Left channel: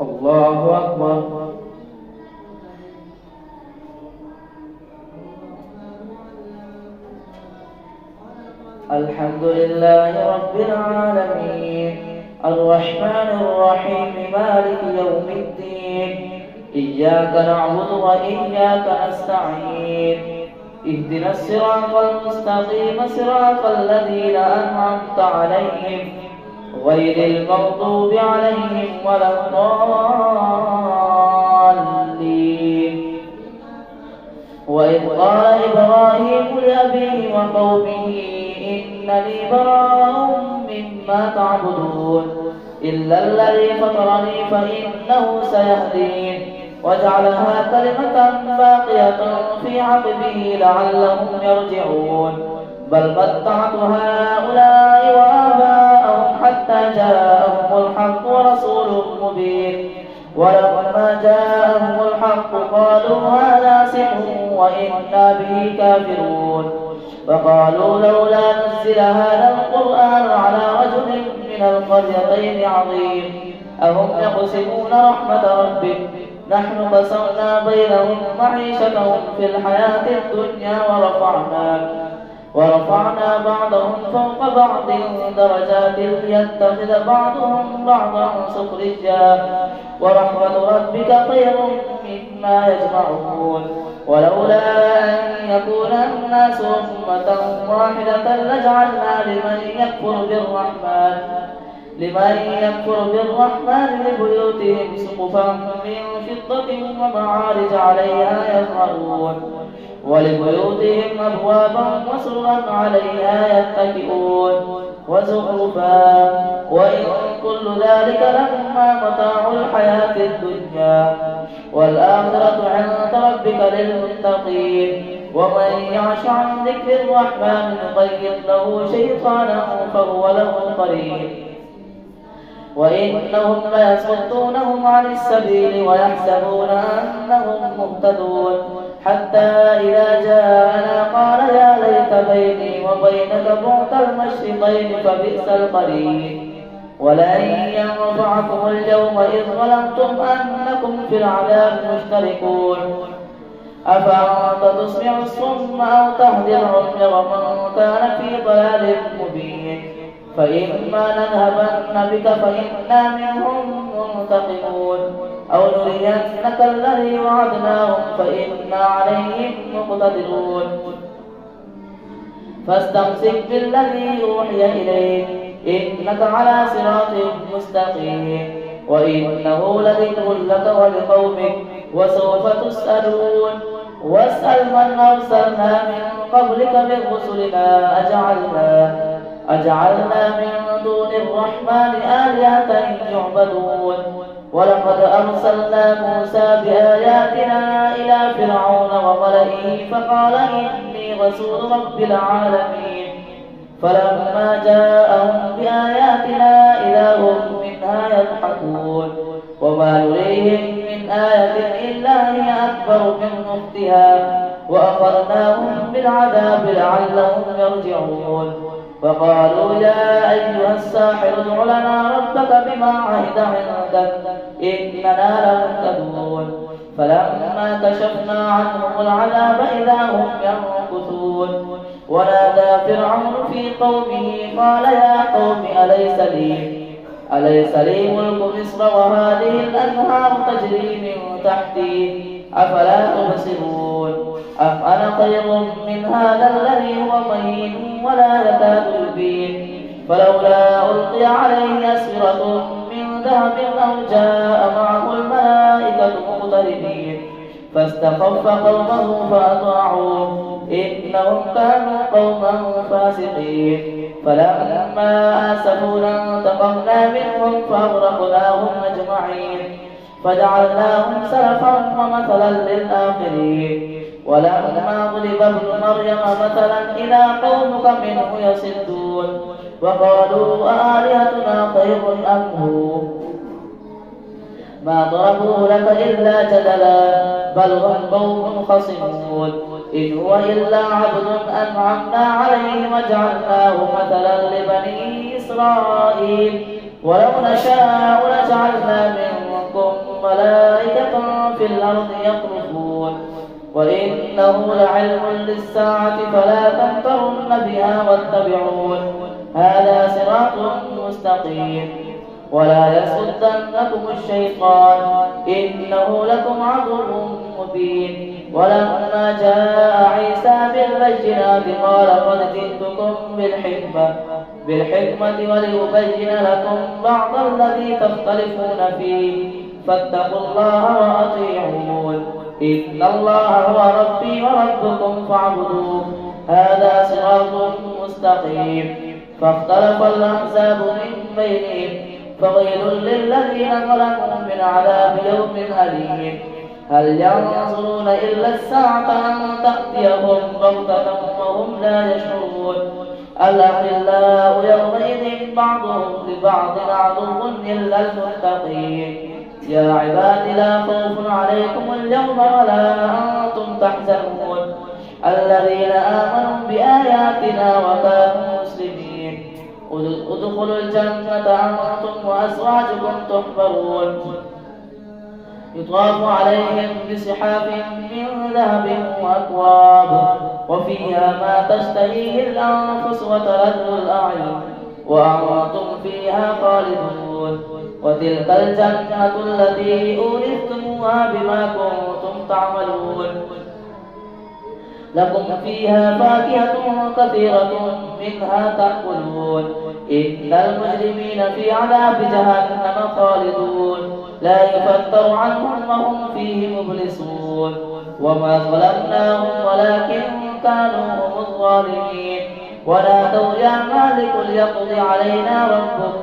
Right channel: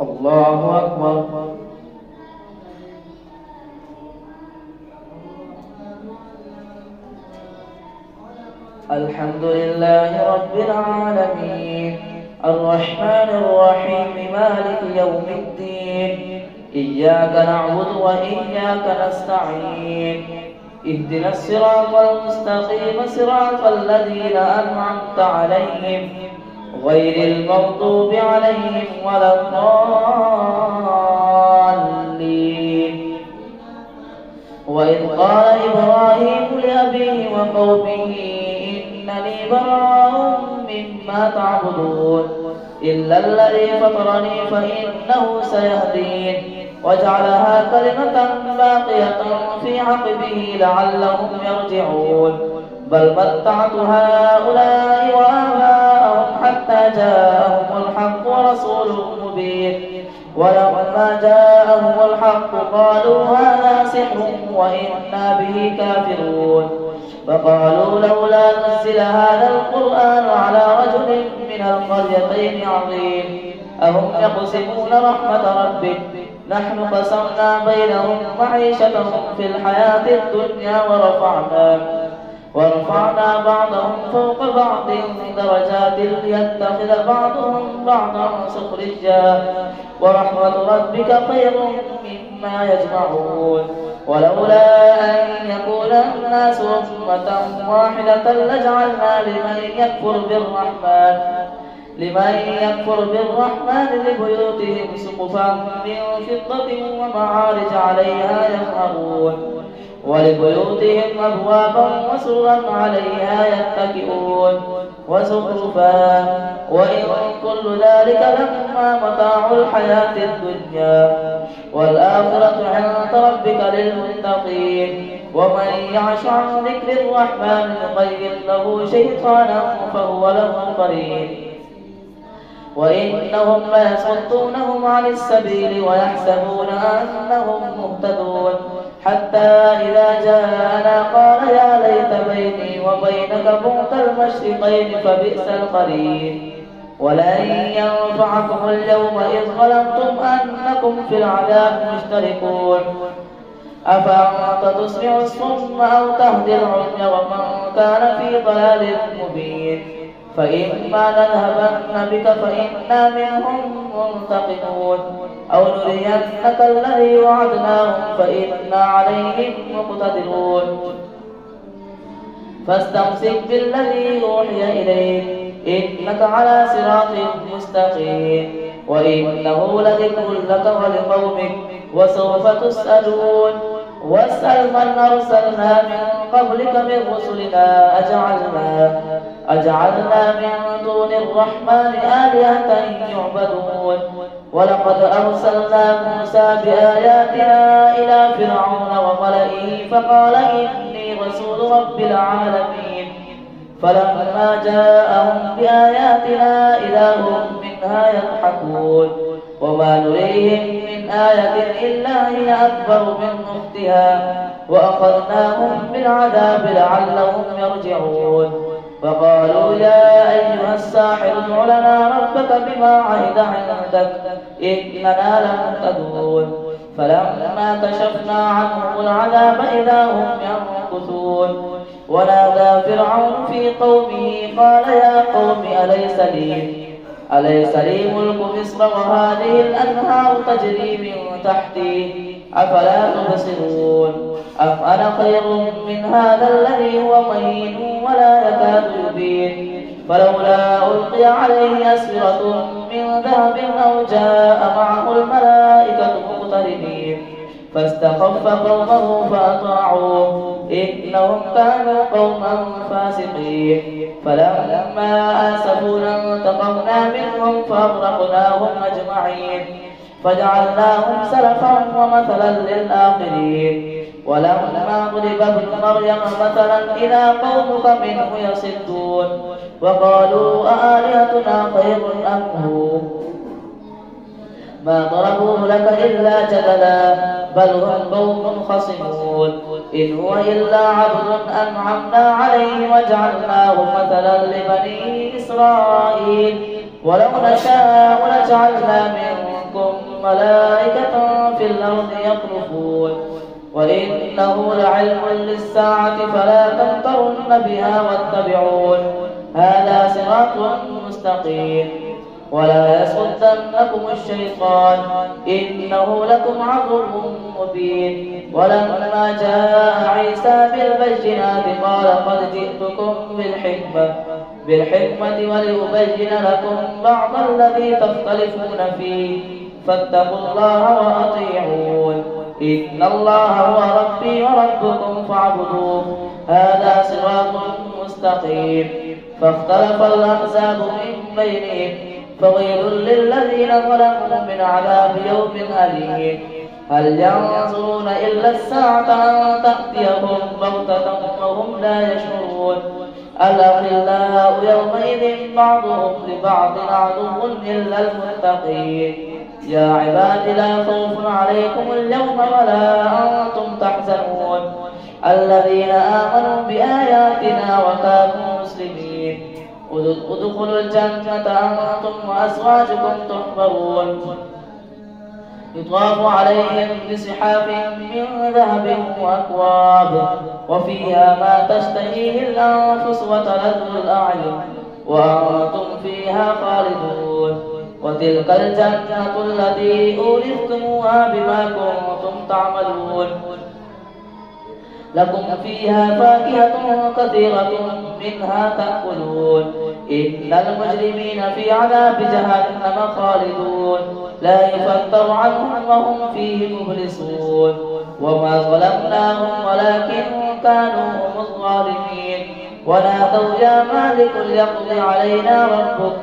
الله أكبر. الحمد لله رب العالمين الرحمن الرحيم مالك يوم الدين إياك نعبد وإياك نستعين اهدنا الصراط المستقيم صراط الذين أنعمت عليهم غير المغضوب عليهم ولا الضالين. وإذ قال إبراهيم لأبيه وقومه إنني براء مما تعبدون إلا الذي فطرني فإنه سيهدين وجعلها كلمة باقية في عقبه لعلهم يرجعون بل متعت هؤلاء وآباءهم حتى جاءهم الحق ورسول مبين ولما جاءهم الحق قالوا هذا سحر وإنا به كافرون فقالوا لولا نزل هذا القرآن على رجل من القريتين عظيم أهم يقسمون رحمة ربك نحن قسمنا بينهم معيشتهم في الحياة الدنيا ورفعنا بعضهم فوق بعض درجات ليتخذ بعضهم بعضا سخريا ورحمة ربك خير مما يجمعون ولولا أن يكون الناس أمة واحدة لجعلنا لمن يكفر بالرحمن لبيوتهم سقفا من فضة ومعارج عليها يظهرون ولبيوتهم أبوابا وسرا عليها يتكئون وزخرفا وإن كل ذلك لما متاع الحياة الدنيا والآخرة عند ربك للمتقين ومن يعش عن ذكر الرحمن نقيض له شيطانا فهو له قرين وإنهم ليصدونهم عن السبيل ويحسبون أنهم مهتدون حتى إذا جاءنا قال يا ليت بيني وبينك بعد المشرقين فبئس القرين ولن ينفعكم اليوم إذ ظلمتم أنكم في العذاب مشتركون أفأنت تسمع الصم أو تهدي العمي ومن كان في ضلال مبين فإما نذهبن بك فإنا منهم منتقمون أو نرينك الذي وعدناهم فإنا عليهم مقتدرون فاستمسك بالذي أوحي إليك إنك على صراط مستقيم وإنه لذكر لك ولقومك وسوف تسألون واسأل من أرسلنا من قبلك من رسلنا أجعلنا من دون الرحمن آلهة يعبدون ولقد أرسلنا موسى بآياتنا إلى فرعون وملئه فقال إني رسول رب العالمين فلما جاءهم بآياتنا إذا هم منها يضحكون وما نريهم من آية إلا هي أكبر من أختها وأخذناهم بالعذاب لعلهم يرجعون فقالوا يا أيها الساحر ادع لنا ربك بما عهد عندك إننا لمهتدون فلما كشفنا عنهم العذاب إذا هم ينكثون ونادى فرعون في قومه قال يا قوم أليس لي ملك مصر وهذه الأنهار تجري من تحتي أفلا تبصرون أم أنا خير من هذا الذي هو مهين ولا يكاد يبين فلولا ألقي عليه أسورة من ذهب أو جاء معه الملائكة مقترنين فاستخف قومه فأطاعوه إنهم كانوا قوما فاسقين فلما آسفونا انتقمنا منهم فأغرقناهم أجمعين فجعلناهم سلفا ومثلا للآخرين ولما ضرب ابن مريم مثلا إذا قومك منه يصدون وقالوا آلهتنا خير أم هو ما ضربوه لك إلا جدلا بل هم قوم خصمون إن هو إلا عبد أنعمنا عليه وجعلناه مثلا لبني إسرائيل ولو نشاء لجعلنا منكم ملائكة في الأرض يخلفون وإنه لعلم للساعة فلا تمترن بها واتبعون هذا صراط مستقيم ولا يصدنكم الشيطان إنه لكم عدو مبين ولما جاء عيسى بالبينات قال قد جئتكم بالحكمة ولأبين لكم بعض الذي تختلفون فيه فاتقوا الله وأطيعون إن الله هو ربي وربكم فاعبدوه هذا صراط مستقيم فاختلف الأحزاب من بينهم فويل للذين ظلموا من عذاب يوم أليم هل ينظرون إلا الساعة أن تأتيهم بغتة وهم لا يشعرون الأخلاء يومئذ بعضهم لبعض عدو إلا المتقين يا عباد لا خوف عليكم اليوم ولا أنتم تحزنون الذين آمنوا بآياتنا وكانوا مسلمين ادخلوا الجنة أنتم وأزواجكم تحبرون يطاف عليهم بصحاف من ذهب وأكواب وفيها ما تشتهيه الأنفس وتلذ الأعين وأنتم فيها خالدون وتلك الجنة التي أورثتموها بما كنتم تعملون لكم فيها فاكهة كثيرة منها تأكلون إن المجرمين في عذاب جهنم خالدون لا يفتر عنهم وهم فيه مبلسون وما ظلمناهم ولكن كانوا هم الظالمين ونادوا يا مالك ليقض علينا ربك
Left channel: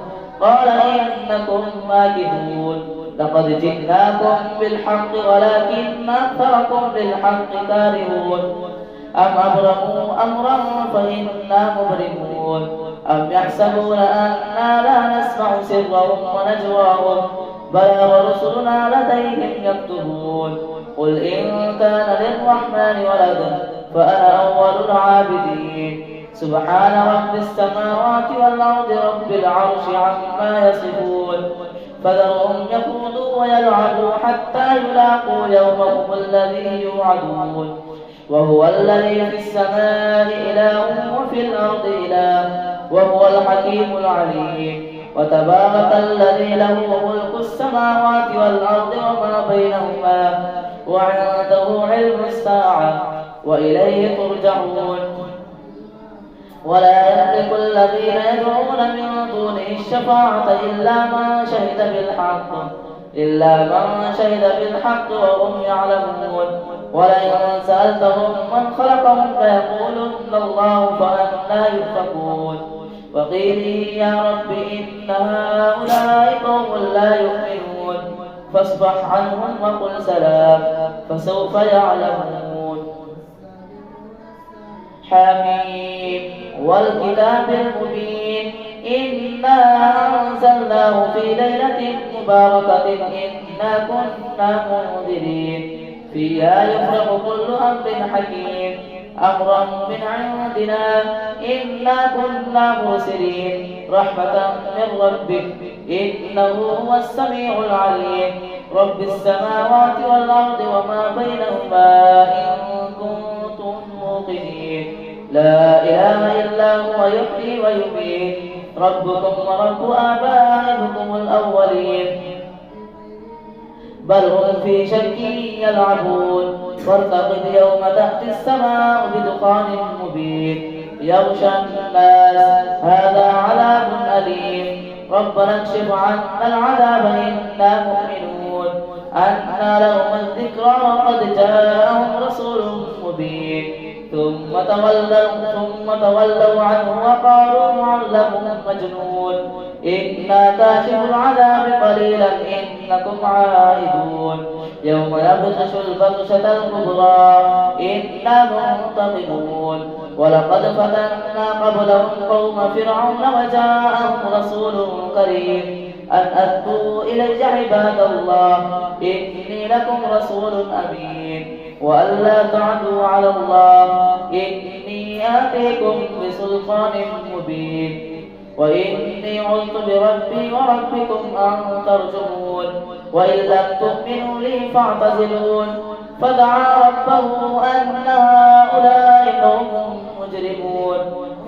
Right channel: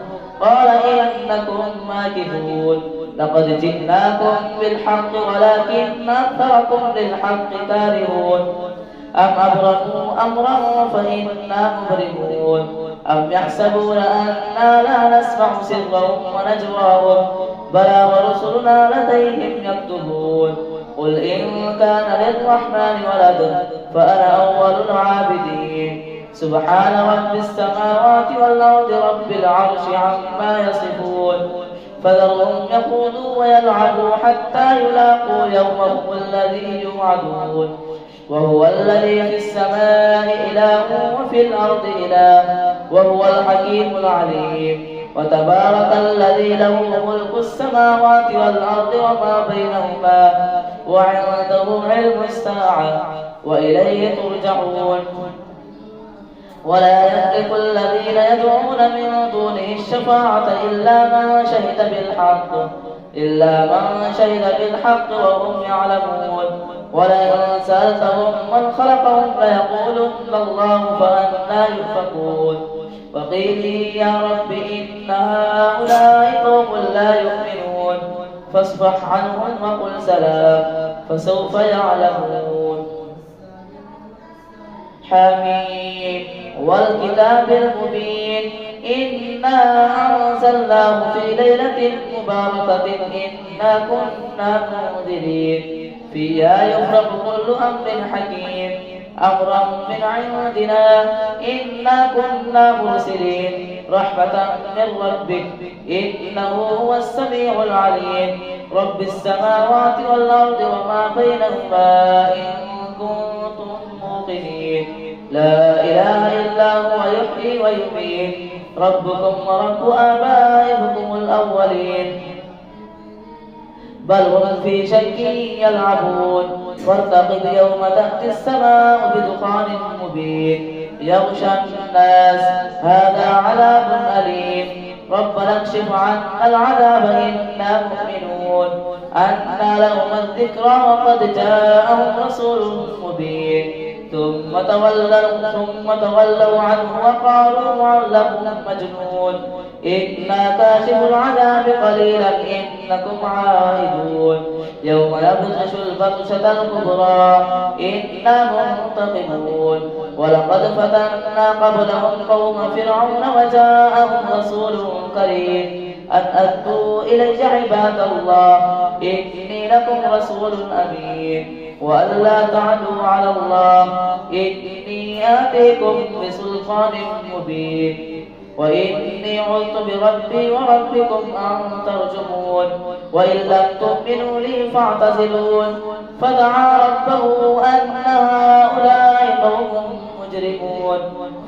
قال إنكم ماكثون لقد جئناكم بالحق ولكن أكثركم للحق كارهون أم أبرموا أمرا فإنا مبرمون أم يحسبون أننا لا نسمع سرهم ونجواهم بلى ورسلنا لديهم يكتبون قل إن كان للرحمن ولد فأنا أول العابدين سبحان رب السماوات والأرض رب العرش عما يصفون فذرهم يخوضوا ويلعبوا حتى يلاقوا يومهم الذي يوعدون وهو الذي في السماء إله وفي الأرض إله وهو الحكيم العليم وتبارك الذي له ملك السماوات والأرض وما بينهما وعنده علم الساعة وإليه ترجعون ولا يملك الذين يدعون من دونه الشفاعة إلا من شهد بالحق وهم يعلمون ولئن سألتهم من خلقهم ليقولن الله فأنى يؤفكون وقيل يا رب إن هؤلاء قوم لا يؤمنون فاصفح عنهم وقل سلام فسوف يعلمون حميم والكتاب المبين إنا أنزلناه في ليلة مباركة إنا كنا منذرين فيها يفرق كل أمر حكيم أمرا من عندنا إنا كنا مرسلين رحمة من ربك إنه هو السميع العليم رب السماوات والأرض وما بينهما إن كنتم موقنين لا إله إلا هو يحيي ويميت ربكم ورب آبائكم الأولين بل هم في شك يلعبون وارتقب يوم تأتي السماء بدخان مبين يغشى الناس هذا عذاب أليم ربنا اكشف عنا العذاب إنا مؤمنون أنى لهم الذكرى وقد جاءهم رسول مبين ثم تولوا عنه وقالوا معلم مجنون إنا كاشف العذاب قليلا إنكم عائدون يوم يبطش البطشة الكبرى إنا منتقمون ولقد فتنا قبلهم قوم فرعون وجاءهم رسول كريم أن أدوا إلي عباد الله إني لكم رسول أمين وألا تعدوا على الله إني آتيكم بسلطان مبين وإني عذت بربي وربكم أن ترجمون وإن لم تؤمنوا لي فاعتزلون فدعا ربه أن هؤلاء قوم مجرمون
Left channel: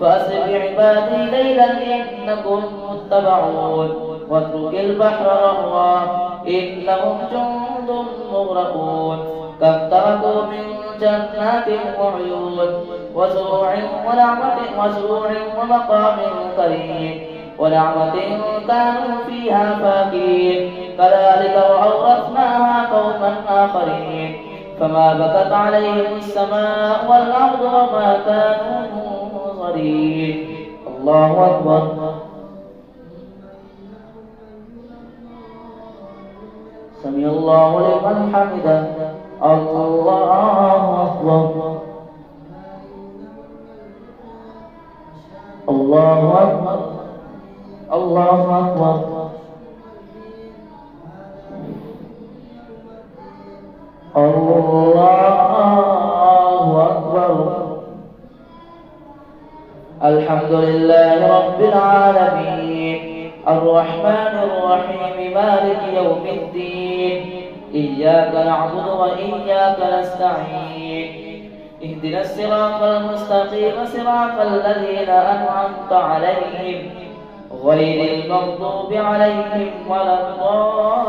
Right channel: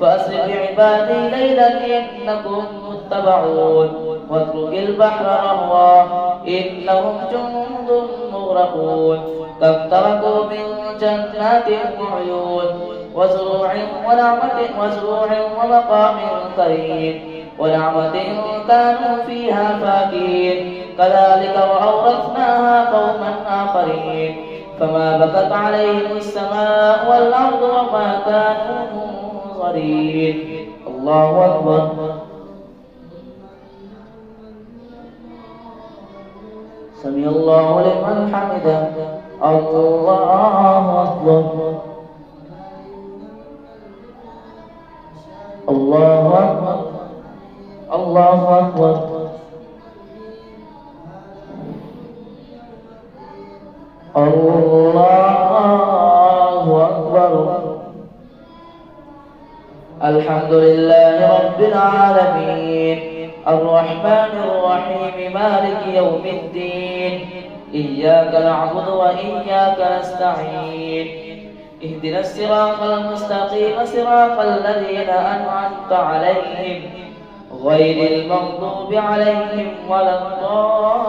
فأسر بعبادي ليلا إنكم متبعون واترك البحر رهوا إنهم جند مغرقون كم تركوا من جنات وعيون وزروع ومقام كريم ونعمة كانوا فيها فاكهين كذلك وأورثناها قوما آخرين فما بكت عليهم السماء والأرض وما كانوا منظرين. الله أكبر. سمع الله لمن حمده. الله أكبر. الله أكبر. الله أكبر. الله أكبر. الحمد لله رب العالمين الرحمن الرحيم مالك يوم الدين إياك نعبد وإياك نستعين اهدنا الصراط المستقيم صراط الذين أنعمت عليهم غير المغضوب عليهم ولا الضالين.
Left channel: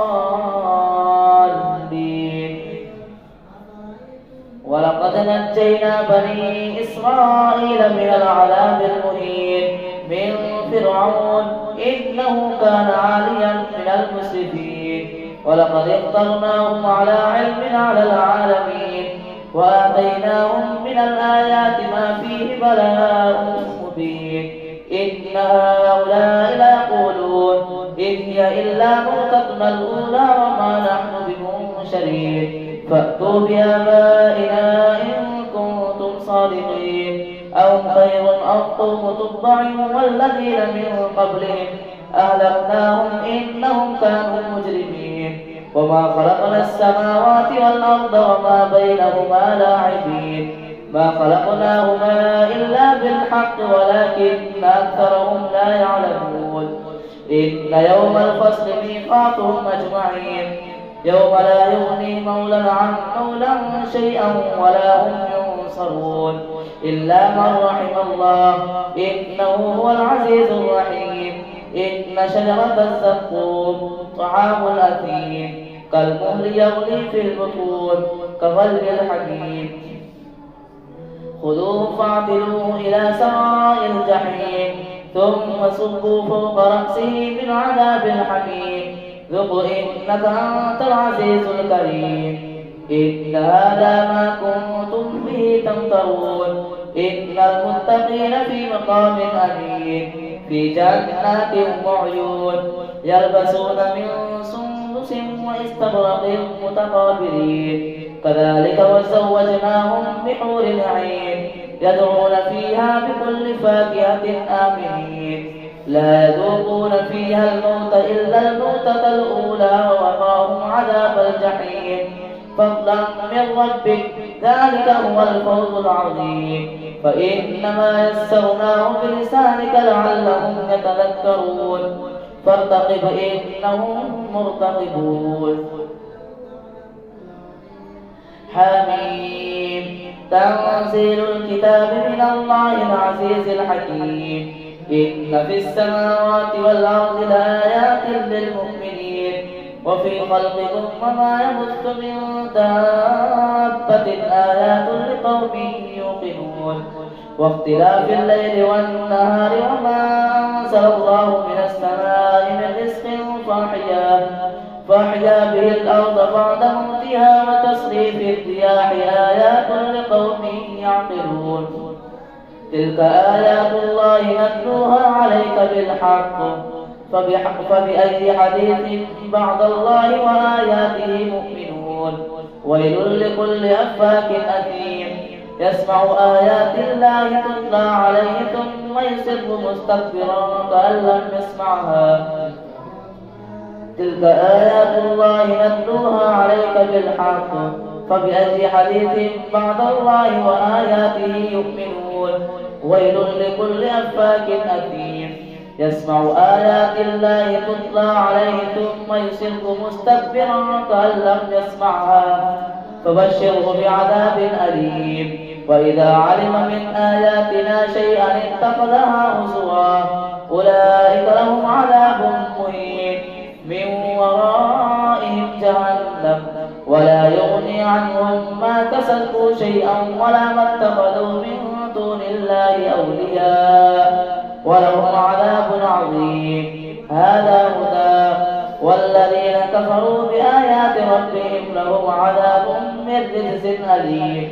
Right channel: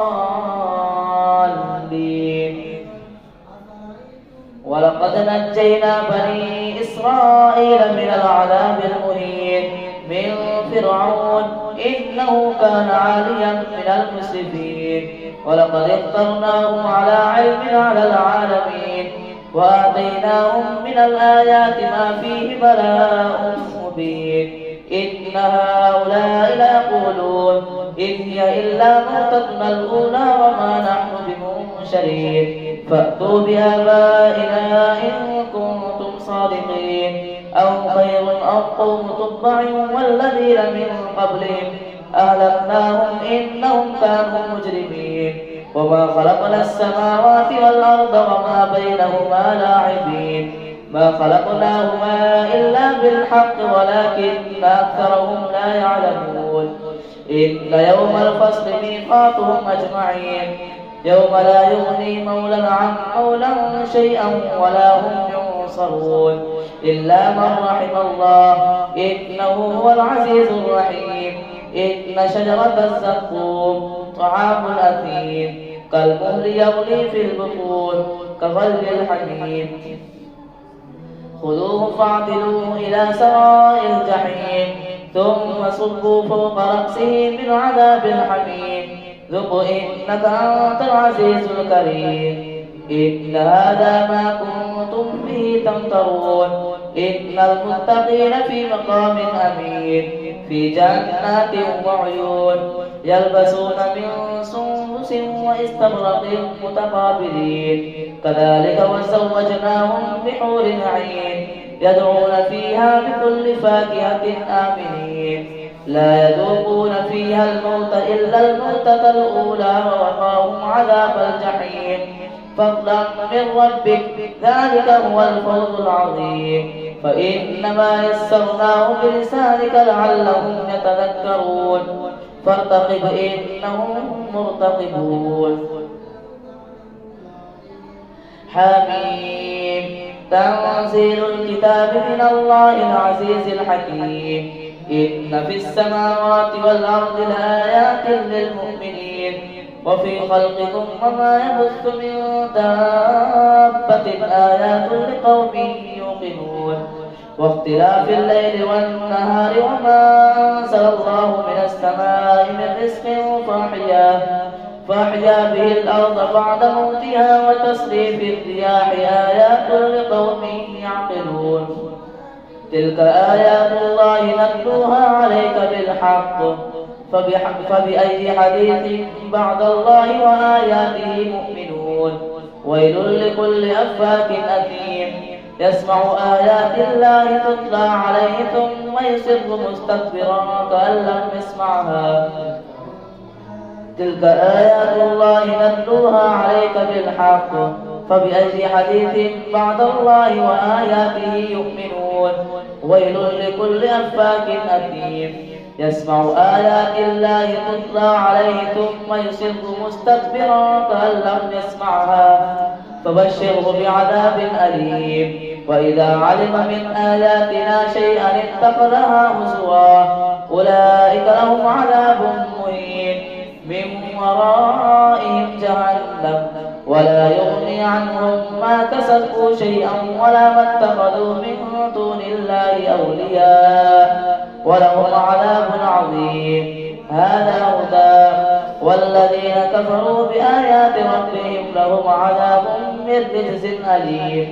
ولقد نجينا بني إسرائيل من العذاب المهين من فرعون إنه كان عاليا من المسرفين ولقد اخترناهم على علم على العالمين وآتيناهم من الآيات ما فيه بلاء مبين. إن هؤلاء ليقولون إن هي إلا موتتنا الأولى وما نحن بمنشرين فأتوا بآبائنا إن كنتم صادقين أهم خير أم قوم تبع والذين من قبلهم أهلكناهم إنهم كانوا مجرمين. وما خلقنا السماوات والأرض وما بينهما لاعبين ما خلقناهما إلا بالحق ولكن أكثرهم لا يعلمون. إن يوم الفصل ميقاتهم أجمعين يوم لا يغني مولى عن مولى شيئا ولا هم ينصرون إلا من رحم الله إنه هو العزيز الرحيم. إن شجرة الزقوم طعام الأثيم كالمهل يغلي في البطون كغلي الحميم خذوه فاعتلوه إلى سواء الجحيم ثم صبوا فوق رأسه من عذاب الحميم ذق إنك أنت العزيز الكريم. إن هذا ما كنتم به تمترون. إن المتقين في مقام أمين في جنات وعيون يلبسون من سندس واستبرق متقابلين كذلك وزوجناهم بحور عين يدعون فيها بكل فاكهة آمنين لا يذوقون فيها الموت إلا الموتة الأولى ووقاهم عذاب الجحيم فضلا من ربك ذلك هو الفوز العظيم. فإنما يسرناه بلسانك لعلهم يتذكرون فارتقب إنهم مرتقبون. حميم تنزيل الكتاب من الله العزيز الحكيم. إن في السماوات والأرض لآيات للمؤمنين وفي خلقكم وما يبث من دابة آيات لقوم يوقنون واختلاف الليل والنهار وما أنزل الله من السماء من رزق فأحيا به الأرض بعد موتها وتصريف الرياح آيات لقوم يعقلون تلك آيات الله نتلوها عليك بالحق فبأي حديث بعد الله وآياته مؤمنون. ويل لكل أفاك أثيم يسمع آيات الله تتلى عليه ثم يصر مستكبرا كأن لم يسمعها. تلك آيات الله نتلوها عليك بالحق فبأي حديث بعد الله وآياته يؤمنون. ويل لكل أفاك أثيم يسمع آيات الله تتلى عليه ثم يصر مستكبرا كأن لم يسمعها فبشره بعذاب أليم. وإذا علم من آياتنا شيئا اتخذها هزوا أولئك لهم عذاب مهين من ورائهم جهنم ولا يغني عنهم ما كسبوا شيئا ولا ما اتخذوا من دون الله أولياء ولهم عذاب عظيم. هذا هدى والذين كفروا بآيات ربهم لهم عذاب من رجز أليم.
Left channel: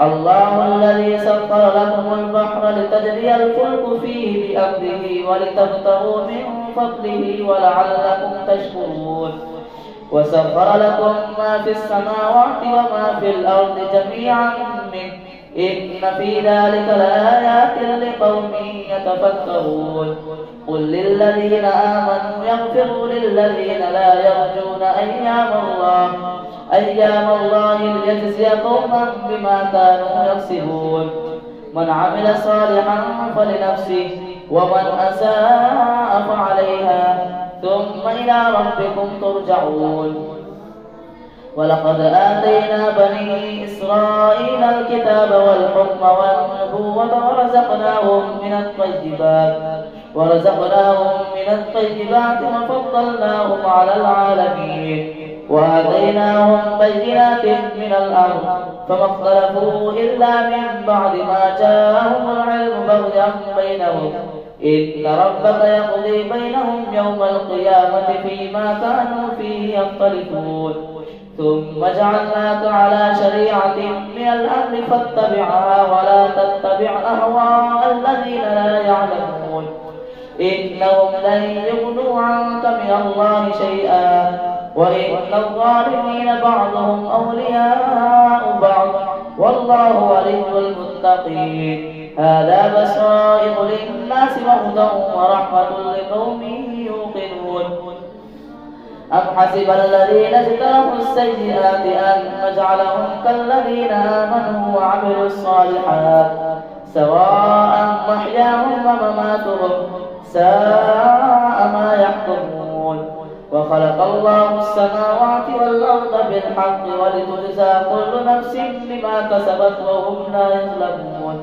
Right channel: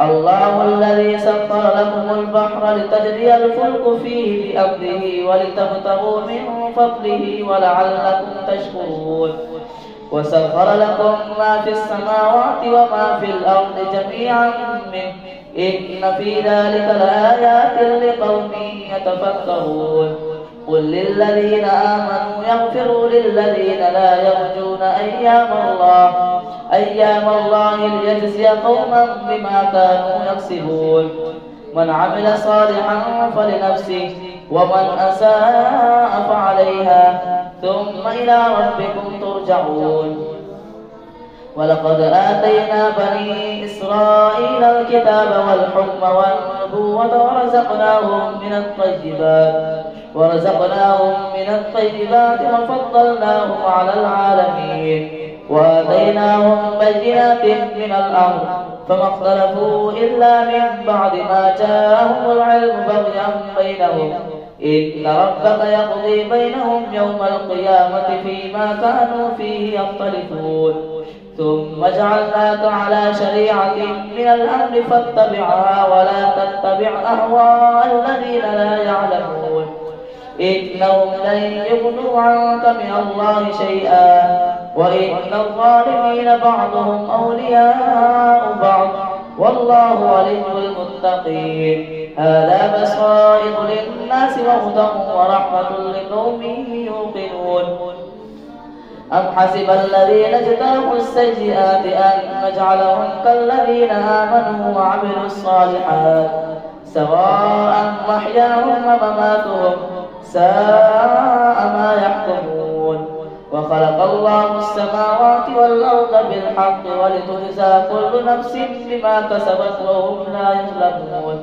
الله الذي سخر لكم البحر لتجري الفلك فيه بأمره ولتبتغوا من فضله ولعلكم تشكرون. وسخر لكم ما في السماوات وما في الأرض جميعا منه إن في ذلك لآيات لقوم يتفكرون. قل للذين آمنوا يغفروا للذين لا يرجون أيام الله ليجزي قوما بما كانوا يكسبون. من عمل صالحا فلنفسه ومن أساء فعليها ثم إلى ربكم ترجعون. ولقد آتينا بني إسرائيل الكتاب والحكم والنبوة ورزقناهم من الطيبات وفضلناهم على العالمين وآتيناهم بينات من الأمر فما اختلفوا إلا من بعد ما جاءهم العلم بغيا بينهم إن ربك يقضي بينهم يوم القيامة فيما كانوا فيه يختلفون. ثم جعلناك على شريعة من الأمر فاتبعها ولا تتبع أهواء الذين لا يعلمون إنهم لن يغنوا عنك من الله شيئا وإن الظالمين بعضهم أولياء بعض والله ولي المتقين. هذا بصائر للناس وهدى ورحمة لقوم يوقنون. أم حسب الذين اجترحوا السيئات أن نجعلهم كالذين آمنوا وعملوا الصالحات سواء محياهم ومماتهم ساء ما يحكمون. وخلق الله السماوات والأرض بالحق ولتجزى كل نفس بما كسبت وهم لا يظلمون.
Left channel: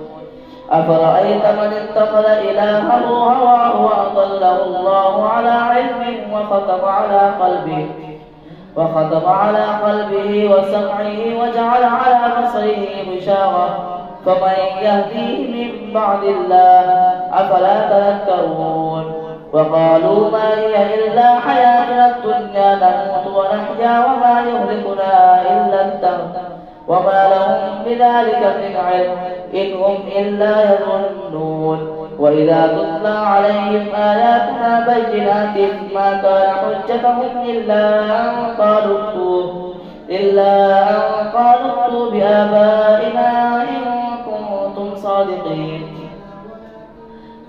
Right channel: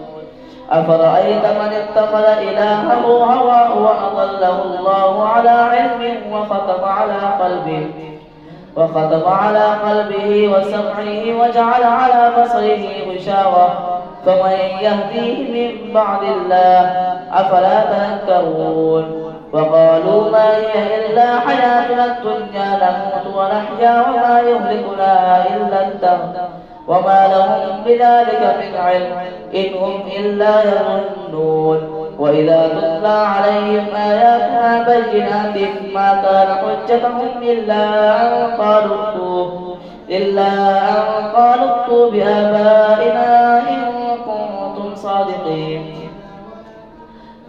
أفرأيت من اتخذ إلهه هواه وأضله الله على علم وختم على قلبه وسمعه وجعل على بصره غشاوة فمن يهديه من بعد الله أفلا تذكرون. وقالوا ما هي إلا حياتنا الدنيا نموت ونحيا وما يهلكنا إلا الدهر وما لهم بذلك من علم إن هم إلا يظنون. وإذا تتلى عليهم آياتنا بينات ما كان حجتهم إلا أن قالوا ائتوا بآبائنا إن كنتم صادقين.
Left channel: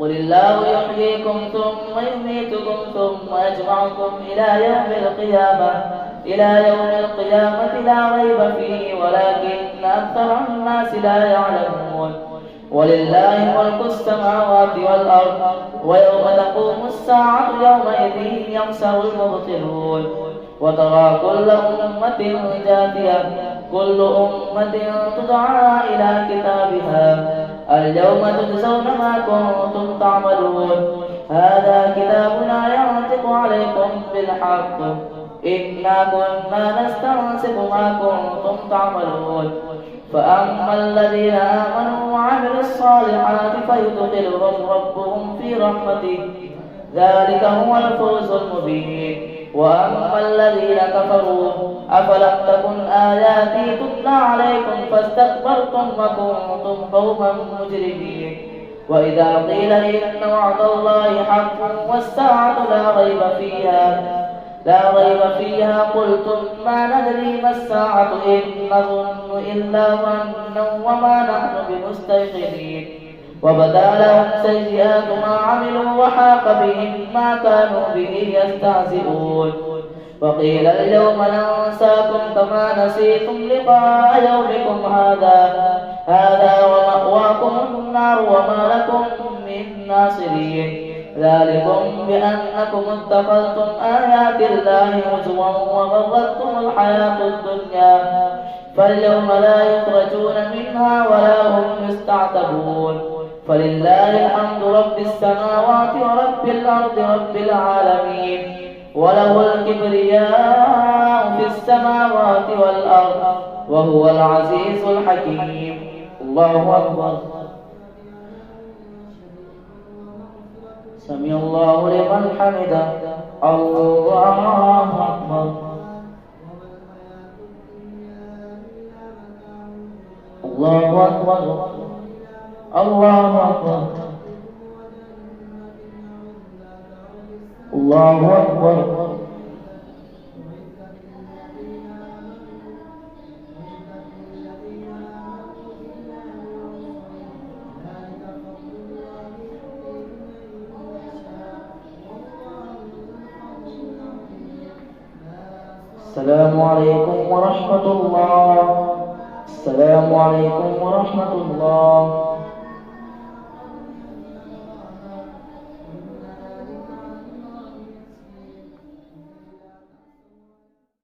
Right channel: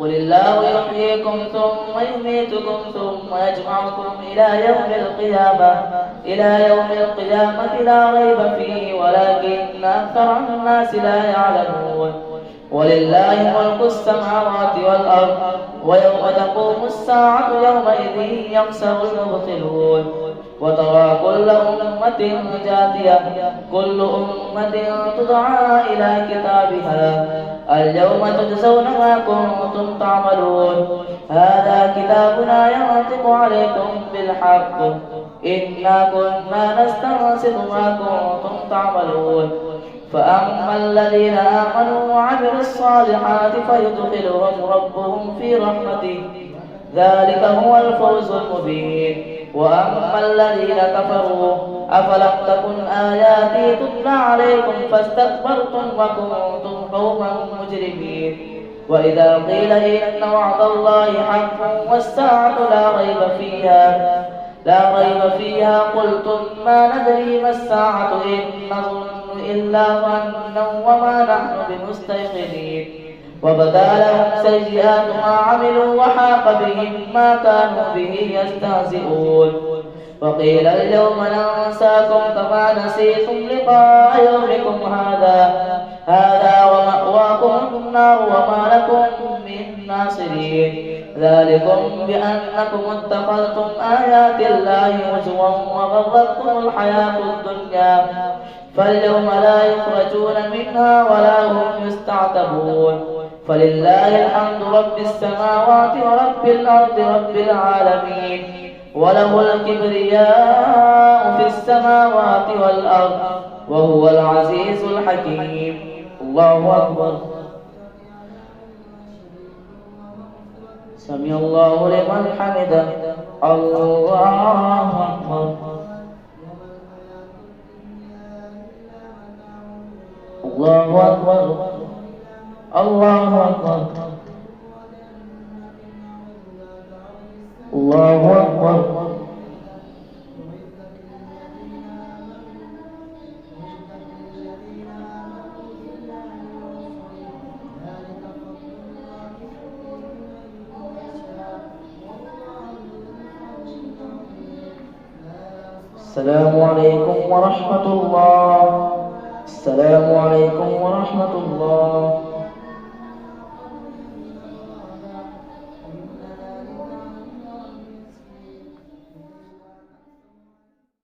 قل الله يحييكم ثم يميتكم ثم يجمعكم إلى يوم القيامة لا ريب فيه ولكن أكثر الناس لا يعلمون. ولله ملك السماوات والأرض ويوم تقوم الساعة يومئذ يخسر المبطلون. وترى كل أمة جاثية كل أمة تدعى إلى كتابها اليوم تجزون ما كنتم تعملون. هذا كتابنا ينطق عليكم بالحق إنا كنا نستنسخ ما كنتم تعملون. فأما الذين آمنوا وعملوا الصالحات فيدخلهم ربهم في رحمته ذلك هو الفوز المبين. وأما الذين كفروا أفلم تكن آياتي تتلى عليكم فاستكبرتم وكنتم قوما مجرمين. وإذا قيل إن وعد الله حق والساعة لا ريب فيها قلتم ما ندري ما الساعة إن نظن إلا ظنا وما نحن بمستيقنين. وبدا لهم سيئات ما عملوا وحاق بهم ما كانوا به يستهزئون. وقيل اليوم ننساكم كما نسيتم لقاء يومكم هذا ومأواكم النار وما لكم من ناصرين. ذلكم بأنكم اتخذتم آيات الله هزوا وغرتكم الحياة الدنيا فاليوم لا يخرجون منها ولا هم يستعتبون فلله الحمد رب السماوات ورب الأرض رب العالمين وله الكبرياء في السماوات والأرض وهو العزيز الحكيم. الله أكبر. سمع الله لمن حمده. الله أكبر. الله أكبر. الله أكبر. الله أكبر. السلام عليكم ورحمة الله. السلام عليكم ورحمة الله.